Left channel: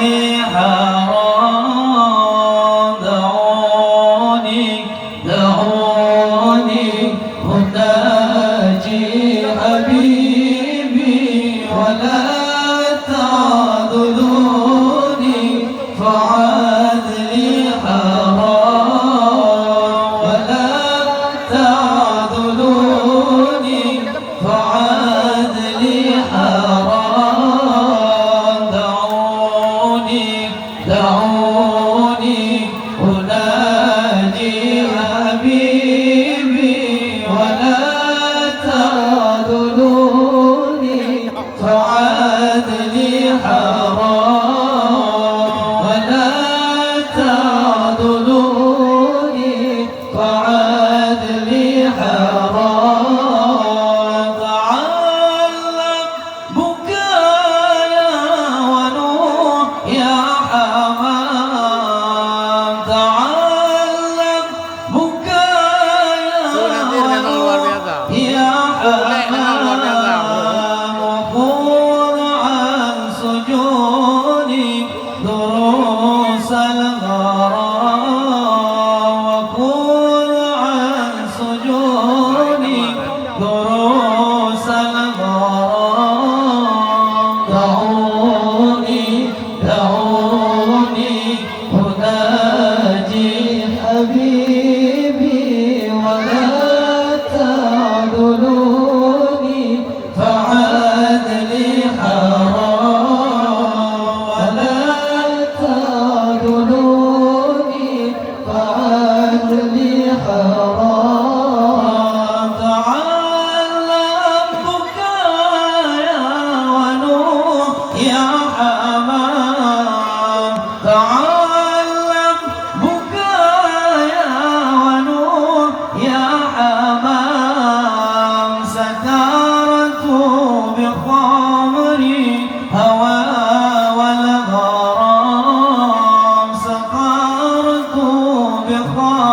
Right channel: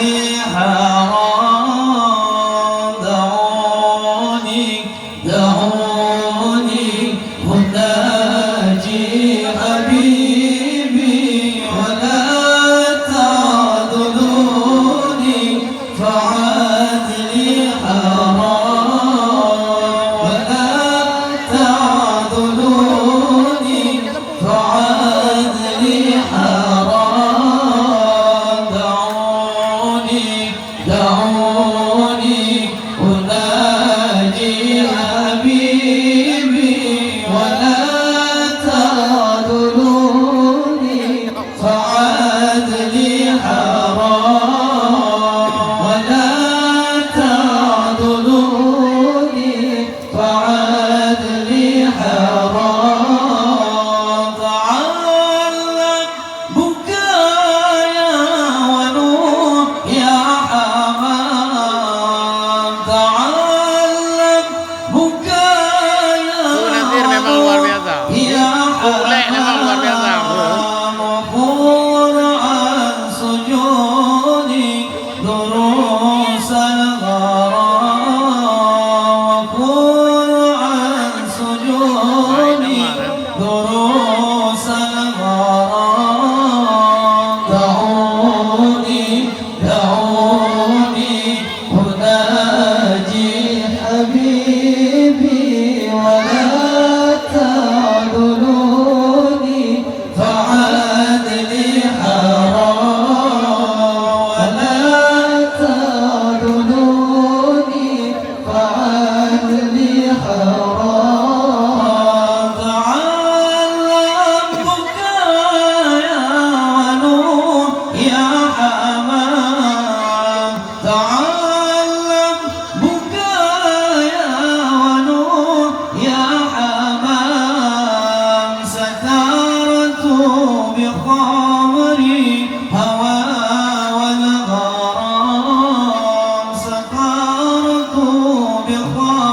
لي حرام دعوني دعوني أناجي حبيبي ولا تعذلوني فعاد لي حرام ولا تعذلوني فعاد لي حرام دعوني دعوني أناجي حبيبي ولا تعذلوني فعاد لي حرام ولا تعذلوني فعاد لي حرام تعلم بكايا ونوح يا حمام تعلم بكايا يا حمام وخذ عن سجوني دروس الغرام وخذ عن سجوني دروس الغرام دعوني دعوني أناجي حبيبي ولا تعذلوني فعاد لي حرام ولا تعذلوني فعاد لي حرام تعلم بكايا ونوح يا حمام تعلم بكايا ونوح يا حمام سكرت بخمري هوى والغرام سكرت بخمري